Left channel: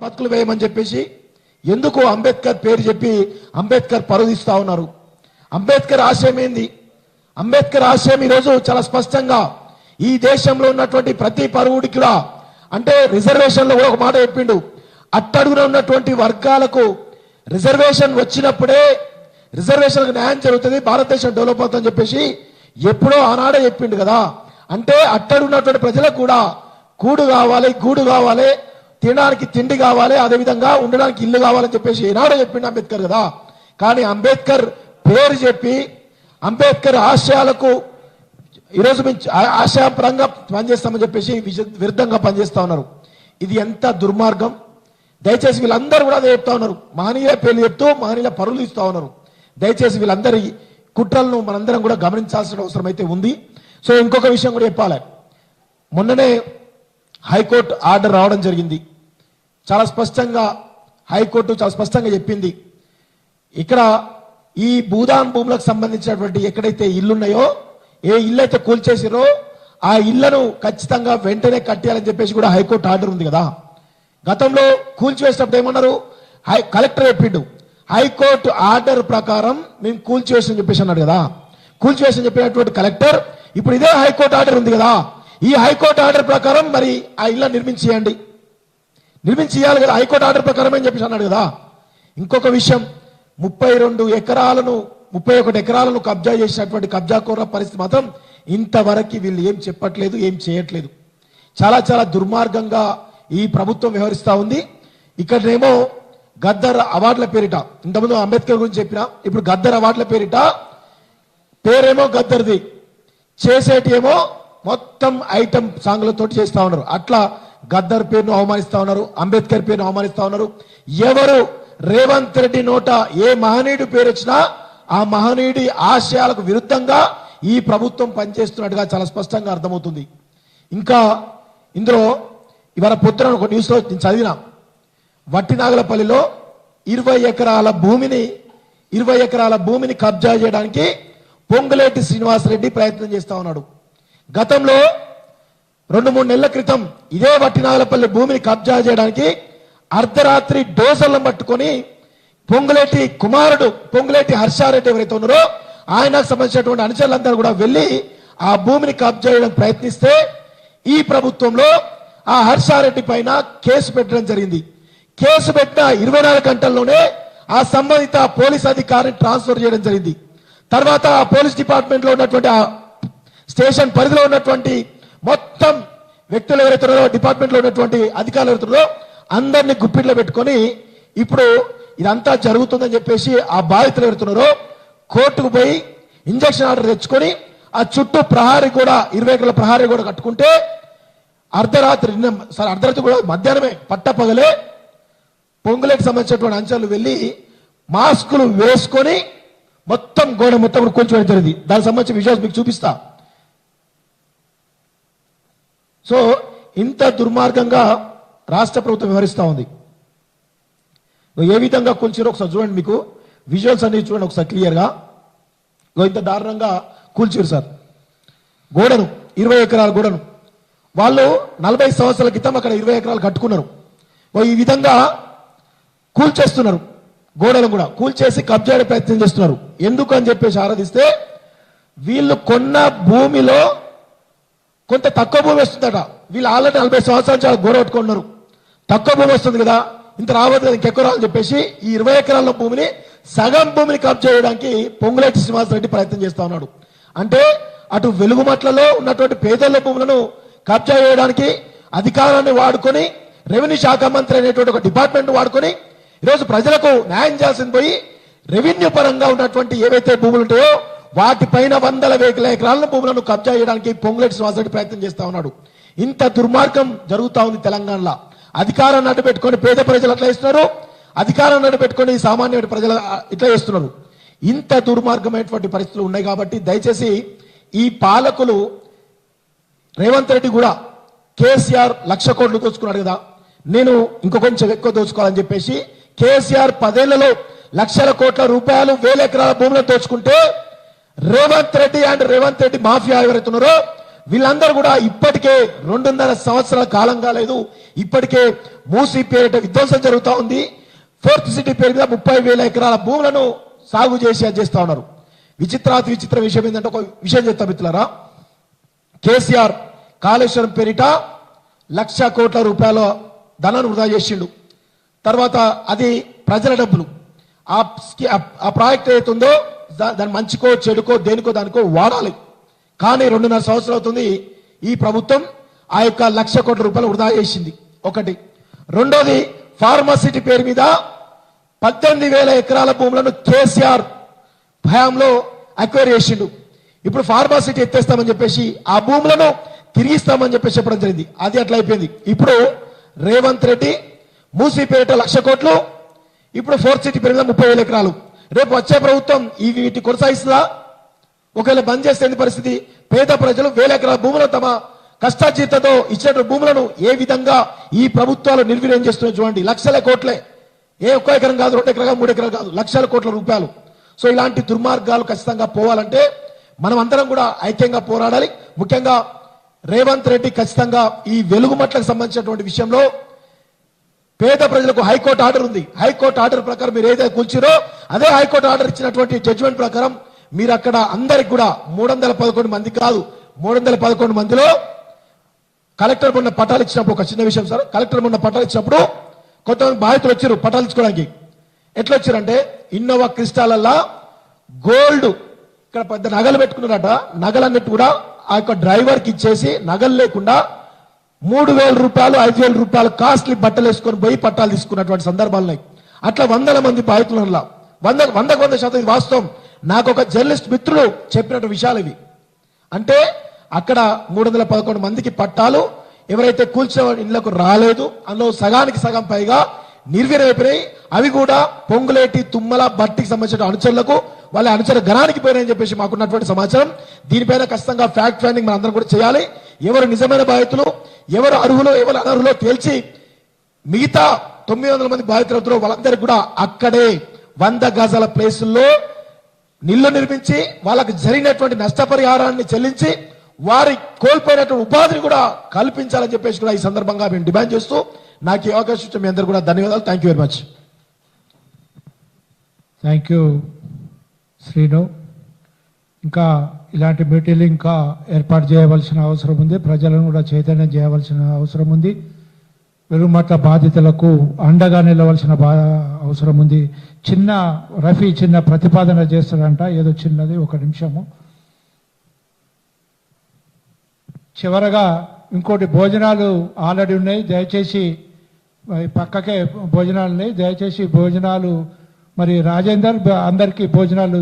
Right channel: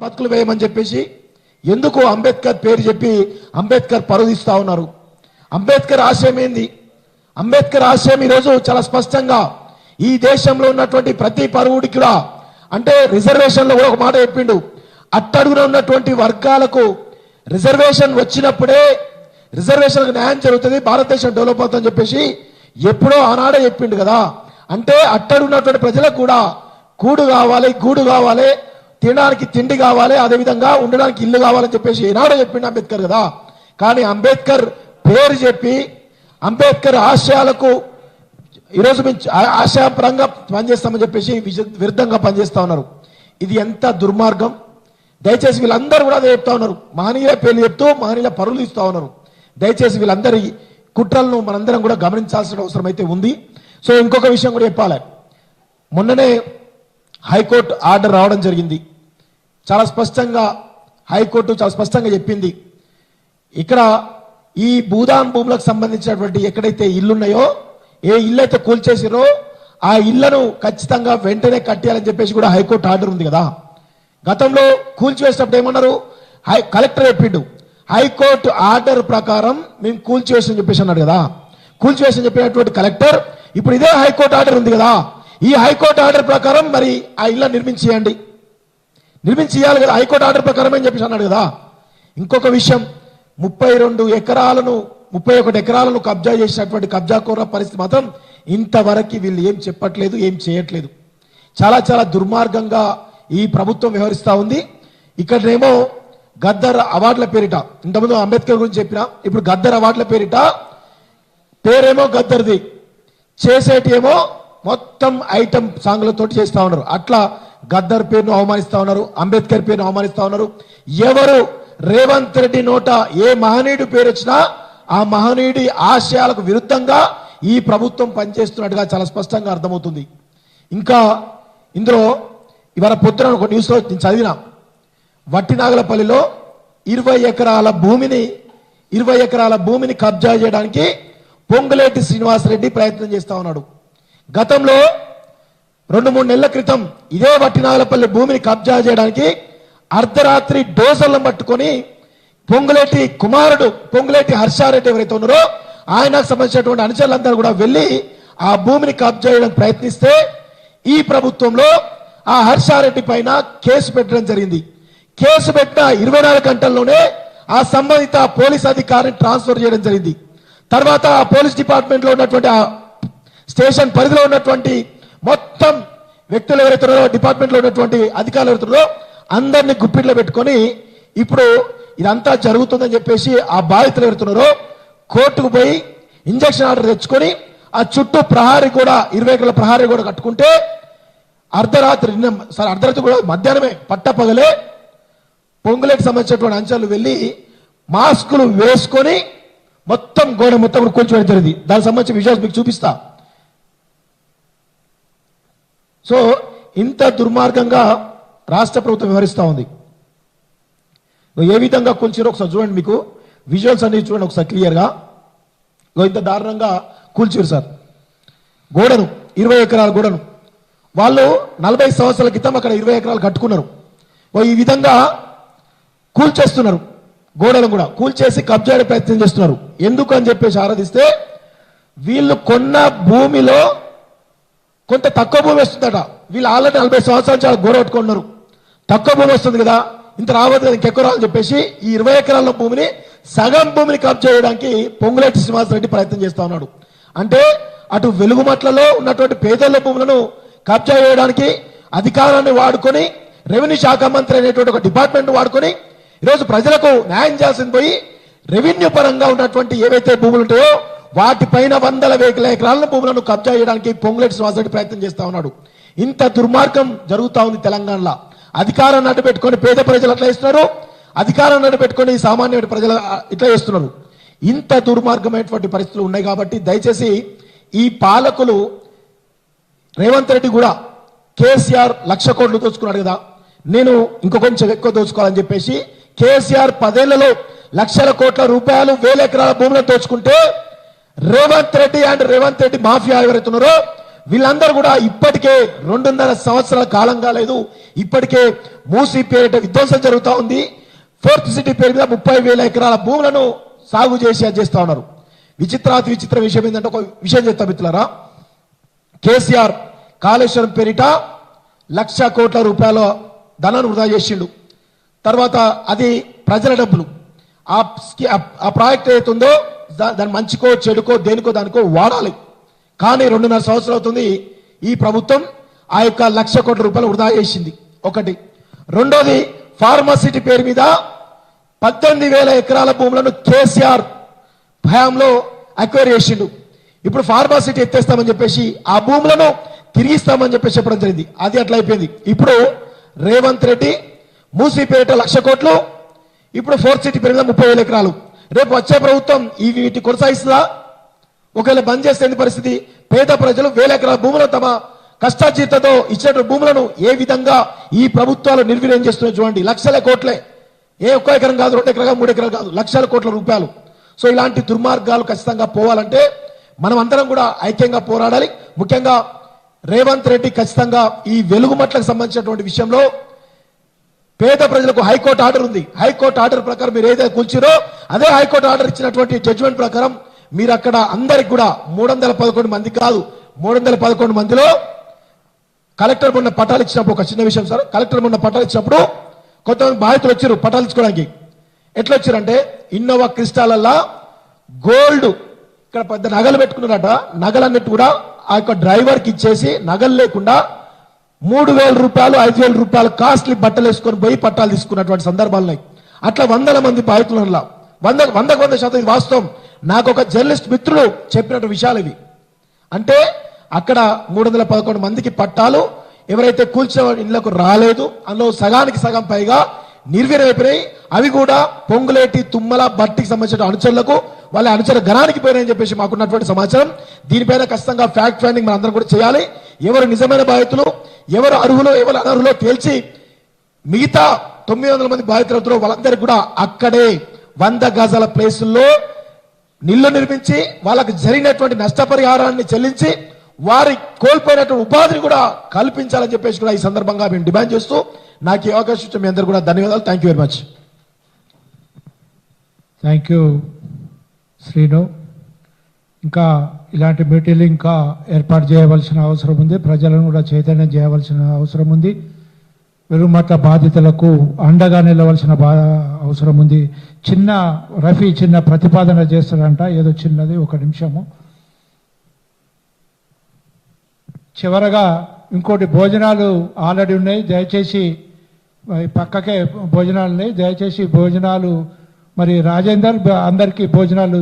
బతుకులు వేయమని చెప్పేసి ఎందుకు అంబేద్కర్ పేరు చెప్పి అంబేద్కర్ పరుదిస్తా ఉన్నారు. అంబేద్కర్ ఆశయం ఏంది? అంబేద్కర్ ఆశయం ఈరోజు చాలా స్పష్టంగా ఈ దేశంలో ఉన్నటువంటి ప్రతి పరువుడికి కూడా అంటే రిజర్వేషన్ లో ఒక మాట చెప్పిండు, అట్టడుగున ఉన్నటువంటి వర్గాలకు రిజర్వేషన్ వచ్చినప్పుడే రిజర్వేషన్ న్యాయం జరుగుతుంది, భారతదేశం డెవలప్ అవుతుందని చెప్పేసి ఎప్పుడో ఆనాడే చెప్పిండు కదా. అంటే అట్టడున్నటువంటి ప్రజలకు కూడా కూడు కావాలి, గూడు కావాలి, తినడానికి తిండి కావాలి, అదేవిధంగా ఉండడానికి ఇల్లు కావాలని చెప్పేసి ఈనాడే చెప్పిండు అంబేద్కర్ కదా. కానీ అంబేద్కర్ పేరు చెప్పి అంబేద్కర్ ఆశయాలకు ఈరోజు ఆశయపరంగా పనిచేస్తామని చెప్పేసి విరుద్ధంగా పనిచేస్తా ఉన్నారు. ఇది ఎంత దుర్మార్గం! దయచేసి వీళ్ళందరూ కూడా అదే చెప్తా ఉన్నారు, మహనీయుల పేర్లు చెప్తూ మహనీయుల పరువులు ఇస్తా ఉన్నారు. దయచేసి వీళ్ళందరి కుట్రలను మనందరం కూడా గమనించాల్సిన అవసరం అయితే ఉంది. సో ఇంకొక విషయం కూడా చెప్పాలి, మొన్ననే హైకోర్టు ఆర్డర్ రావడం జరిగింది. చాలా స్పష్టంగా హైకోర్టు చాలా స్పష్టంగా చెప్పింది, ఇక్కడ ఈ భూదాన్ భూములకు సంబంధించినటువంటి ఎక్కడైతే ఇల్లున్నాయో, ఏ ఇల్లు అయితే కూల్చేసిరో ఆ ఇళ్లను ఖచ్చితంగా వెంటనే కట్టేయాలని చెప్పేసి కూడా హైకోర్టు ఆర్డర్ ఉంది కదా. గతంలో కూల్చివేసినప్పుడు ఏమన్నారు, కలెక్టర్ చెప్పిండు హైకోర్టు ఆర్డర్ ప్రకారం మేము కూల్చివేసని చెప్పేసి అన్నాడు కదా. కూల్చివేసని చెప్పినటువంటి కలెక్టర్ ఇప్పుడు ఇదే హైకోర్టు ఆర్డర్ ఉంది కదా, ఈ హైకోర్టు ఆర్డర్ ప్రకారం మరి ఆ ఇల్లు నిర్మించేయాలి కదా, హైకోర్టు ఆర్డర్ ప్రకారం అని చెప్పేసి అన్నాడు కదా. ఇంకొక విషయం, 31 ఎకరాలను కబ్జా చేసినటువంటి కబ్జాకోర పరిస్థితి మాత్రం ఇంతవరకు వీళ్ళు ఏం చెప్పట్లేదు, ఏం చేయట్లేదు. చాలా చాలా దుర్మార్గంగా ఈ ప్రభుత్వం వ్యవహరిస్తా ఉంది. ఇక్కడనేమో గద్దర్ అవార్డుల పేరిట, ఇంతకుముందు అంబేద్కర్ గురించి చెప్పిన, ఇప్పుడు గద్దర్ అవార్డుల పేరిట పేరేమో గద్దర్ది, చేసేటి ఏమో మొత్తం ఐటమ్ సాంగ్లతో చేస్తా ఉన్నారు. అట్లా గద్దర్ పేరును అవమానిస్తా ఉన్నారు, అంబేద్కర్ పేరును అవమానిస్తా ఉన్నారు. ఎవరు రేవంత్ రెడ్డి నోట ఏ మహనీయుడి పేరు వచ్చినా ఆ మహనీయుడి ఆశయాలకు విరుద్ధంగా ఈ ప్రభుత్వం పనిచేస్తున్నట్టుగా చాలా స్పష్టంగా అర్థమవుతుంది. ఇంకా ఇందులో ఇవాళ పొద్దున ఒక న్యూస్ లో నేను చదివిన, వట్టినాగలపల్లిలో 20 ఎకరాల భూమిని కబ్జా చేయడానికి పొంగులేటి శ్రీనివాసరెడ్డి ప్రయత్నం చేస్తా ఉన్నాడు. గతంలో 2-3 నెలల క్రితం ఇదే వట్టినాగలపల్లి భూమిని కబ్జా చేయడానికి అర్ధరాత్రి డోసలను పట్టుకొని పొంగులేటి కుమారుడు పొంగులేటి హర్షారెడ్డి ఎవరైతే ఉన్నారో ఆయనకు సంబంధించినటువంటి అనుచరులందరూ కూడా వెళ్లి ఆ భూమిని కబ్జా చేయడానికి ప్రయత్నిస్తే ఈ ప్రభుత్వంలో ఆ హర్షారెడ్డి పైన కేసు పెట్టడం జరిగింది. కేసు పెట్టిన 24 గంటల్లోనే ఆ సంబంధిత పోలీస్ అధికారిని ట్రాన్స్ఫర్ చేయడం జరిగింది. తర్వాత ఆ పోలీస్ డిపార్ట్మెంట్ లో ఉన్నటువంటి ఆ స్టేషన్ పరిధిలో ఉన్నటువంటి మొత్తం వ్యక్తులు ఎవరైతే డిపార్ట్మెంట్ లో ఉన్నటువంటి అధికారులు ఎవరైతే అందరినీ గుప్పిట్లో పెట్టుకొని ఇప్పుడు ఇదంతా జరుగుతుందని చెప్పేసి ఆ బాధితులు ఎవరుతున్నారో కోర్టుకు పోయి ఇంజక్షన్ ఆర్డర్ తెచ్చుకొని ఆ చుట్టూ ప్రహారీ కూడా 20 ఎకరాల ప్రహారీ కూడా కట్టుకుంటే అర్ధరాత్రి కూడా మధ్యాహ్నమే పట్టపగలే పొంగులేకి సంబంధించినటువంటి అంశాలు వెళ్లి మాస్కులు వేసుకొని మొత్తం గోడ మొత్తం కూర్చోవడం జరిగింది. దానికి సంబంధించిన విజువల్స్ మీకు చూపిస్తా. సో ఇంత దుర్మార్గంగా రాష్ట్ర ప్రభుత్వం వ్యవహరిస్తా ఉంది. ఏ విధంగా కూల్చారో ఒకసారి చూడండి, మీకు విజువల్స్ అన్ని చూడండి ఒకసారి క్లియర్ గా. ఇంత దారుణంగా కూల్చారు సార్ గోడను, 20 ఎకరాల గోడను. వాళ్ళు 40 సంవత్సరాల క్రితం అక్కడ 20 ఎకరాలు కట్టుకున్నారు. ఈ విధంగా కూల్చేస్తున్నారు, గోడను కూడా కూల్చేసి కబ్జా ప్రయత్నం చేస్తున్నారు. ఎందుకు అని చెప్పేసి ఆరాధిస్తే వీళ్ళు కొన్న భూమిలో కొంత తక్కువ భూమి వస్తుందట. వీళ్ళు ఆల్రెడీ 40 సంవత్సరాలు చాలా గోడ పెట్టుకున్నారు, తక్కువ భూమి వస్తుంది కదా, ఇంత రావద్దు ఇంకెక్కువ రావాలని చెప్పేసి ఈ 20 ఎకరాల భూమిని సగం భూమిని కబ్జా చేయడానికి పొంగులేటి శ్రీనివాసరెడ్డి ప్రయత్నం చేస్తా ఉన్నాడు. అంటే అటు వెలుగుమట్లలో ఉన్నటువంటి పేదల భూములను కబ్జా చేయడానికి అధికారాన్ని వాడుకొని రెవెన్యూ శాఖ మంత్రి అనేటువంటి ఒక డిపార్ట్మెంట్ వాడుకొని ఈరోజు ప్రజలకు న్యాయం చేయాల్సింది పోయి రెవెన్యూ పరంగా ఉన్నటువంటి ఏవైతే భూములు ఉంటాయో వాటిపైన 100 ఎకరాల భూములను కబ్జా చేయడానికి పొంగులేటి శ్రీనివాసరెడ్డి ప్రయత్నం చేస్తా ఉన్నాడు. ఇంత దుర్మార్గం జరుగుతా ఉంది తెలంగాణలో. అధికారాన్ని అడ్డు పెట్టుకొని పేద ప్రజలు అట్లా ఇస్తున్నారు, అధికారాన్ని అడ్డు పెట్టుకొని సామాన్య ప్రజలు ఇట్లా చేస్తున్నారు. ఇంత దుర్మార్గమైనటువంటి పరిస్థితులు ఉన్నాయి. కాబట్టి దయచేసి ఈ పాలకులు రేవంత్ రెడ్డి కూడా కేసీఆర్ 1,00,000 కోట్లు దోచుకున్నాడు కదా, నేను ఇంకో కొంచెం ఎక్కువ దోచుకోవాలని చెప్పేసి కేసీఆర్ 10 ఏళ్లలో లక్షల కోట్ల రూపాయలు 1000 ఎకరాల భూములను దోచుకుంటే రేవంత్ రెడ్డి మాఫియా ఎవరైతున్నారో వీళ్ళందరూ కూడా ఇప్పటికే 2.5 సంవత్సరాల కాలం కాలేదు, ఇప్పటికే మూసీ పేరిట విధ్వంసం జరుగుతూ ఉంది. ఫోర్త్ సిటీ పేరు మీద 30,000 ఎకరాల భూములను సాగు చేస్తా ఉన్నారు. విచిత్రాతి విచిత్ర విషయం ఏంటంటే, ఒక విషయం చెప్తా మిత్రులారా, కేసీఆర్ కాళేశ్వరం పేరిట 1,00,000 కోట్ల రూపాయల ధనాన్ని వృధా చేసిండు. తర్వాత అది ప్రజల డబ్బులు. ఆ ప్రాజెక్ట్ ఏదైతుందో దాని మంచికో చెడుకో దేనికో దానికో వాడాలి. కానీ 2.5 సంవత్సరాలు అవుతుంది ఈ ప్రభుత్వం ఆ యొక్క 1,00,000 కోట్ల రూపాయలు వృధా చేసింది. ఒకటి. రెండోది, ఫార్మాసిటీ పేరు మీద 18,000 ఎకరాల భూములను కేసీఆర్ భయంలో అక్వైర్ చేసిండు. ఇప్పుడు ఫార్మాసిటీ ఎత్తేస్తామని చెప్పేసి ఆ భూములను తిరిగిస్తామని చెప్పేసి చెప్పడం జరిగింది. అది అట్లా అయిపోయింది. ఇప్పుడు రేవంత్ రెడ్డి మూసీపేట 1,00,000 కోట్లు, ఇప్పుడు ఫోర్త్ సిటీ పేరు మీద 30,000 ఎకరాలు. రేపు వచ్చే ప్రభుత్వం వీటిని కొనసాగిస్తుందా? ఒకవేళ బంద్ చేస్తే పరిస్థితి, పేద ప్రజలు 1,000 ఎకరాల భూములను తమ కష్టార్జితతో ఇచ్చిన భూములను ఏ విధంగా ఈ ప్రభుత్వాలు నిర్వీర్యం చేస్తున్నాయి చూడండి. లక్షల కోట్లే, ఏ ఒక్క ఎకరం కాదు, 2 ఎకరాలు 3 ఎకరాలు కాదు, లక్షల కోట్ల రూపాయలు. సో ఇలాంటి దుర్మార్గాలు ఖచ్చితంగా పోవాలంటే మనం అందరం కూడా ఐక్యంగా పోరాడాలి. ముఖ్యంగా రేవంత్ రెడ్డి ఖచ్చితంగా ఈ వెలుగుమట్లకు సంబంధించినటువంటి విషయంలో పేద ప్రజలకు హైకోర్టు ఆర్డర్ ఉంది. హైకోర్టు ఆర్డర్ ప్రకారం మీరు ఏదైతే కూర్చురో అదే హైకోర్టు ఆర్డర్ ఇచ్చినటువంటి జడ్జిమెంట్ ప్రకారం మీరు అక్కడ అందరికి కూడా 311 మంది కాదు, 311 మందిలో కలెక్టర్ మొన్న పట్టాలు ఇచ్చినప్పుడు, ఒక చిన్న విషయం సార్, కలెక్టర్ మొన్న పట్టాలు ఇచ్చినప్పుడు కొంతమంది బాధితులు వచ్చారు పట్టాలు ఇచ్చుకోవడానికి. ఎట్లా వచ్చారంటే, ఇన్నోవా క్రిస్టాలల్లా గోల్డ్, ఇక్కడ పెద్ద నగలు పెట్టుకున్నారట, నగలన్నిటి కూడా ఆ యొక్క డ్రైవర్ కి ఇచ్చేసి నగలు లేకుండా 3,000 రూపాయలు 5,000 రూపాయలు కాస్ట్లీ బట్టలు వేసుకొని పోయి పట్టాలు తీసుకున్నటువంటి సందర్భాలు ఉన్నాయి. అట్లా 100 మంది బాధితుల 100% ఇది వాస్తవం. నాకు ఒక జర్నలిస్ట్ మిత్రుడు చెప్పినట్టు విషయాలు ఇది. అంటే అక్కడ 311 మందికి పట్టాలు ఎవరైతే కూర్చో ఇళ్లకు రాలేదు, అందులో సగానికి సగం పైగా నిర్వీర్యమైపోయినాయి. అవి కూడా పొంగులేటి, తుమ్మల, బట్టికి సంబంధించిన అనుచరులకు, వాళ్ళ అనుచరుల గణానికి పోయినాయని చెప్పేసి మాకున్నటువంటి సమాచారం. దీనిపైన ఖచ్చితంగా ఫ్యాక్ట్ ఫైండింగ్ మనందరం కూడా చేయాలి. ఎవరు నిజమైన బాధితులు, ఎవరు అర్హులు, ఎవరు అనర్హులో తేల్చి మిగతా 900 మంది బాధితులతో వాళ్ళందరికీ కూడా అక్కడే 100 గజాల ప్లేసుల్లో నిల్లు నిర్మించి వాళ్ళకి జరిగినటువంటి నష్టపరిహారాన్ని చెల్లించి వారి కోల్పోయినటువంటి ఉపాధిని కూడా కల్పించాలని చెప్పేసి కూడా ఈ సందర్భంగా మేము డిమాండ్ చేస్తూ నాకు ఈ అవకాశం ఇచ్చిన మీ అందరూ కూడా ధన్యవాదాలు. Thank you very much. Thank you Srinu. ఇంకా ఇలాంటి మీటింగ్లు ఇంకా ఏర్పాటు చేయవలసిన అవసరం ఉంది. ప్రజలను కూడా చైతన్యం చేయవలసిన అవసరం ఉంది. వెలుగుమట్ల బాధితులకు అండగా నిలవలసిన అవసరం ఉంది. రఫీ చిన్న ప్రతిపాదన చేస్తాడంట, ఏదో చిన్నది, 1 నిమిషము. చివరగా ఇంకోటి, భోజనాలు ఆల్రెడీ ఉన్నాయి, దయచేసి పక్కకే భోజనాలు ఉన్నాయి, దయచేసి భోజనాలు మరి రాజేందర్ అందరికీ భోజనాలు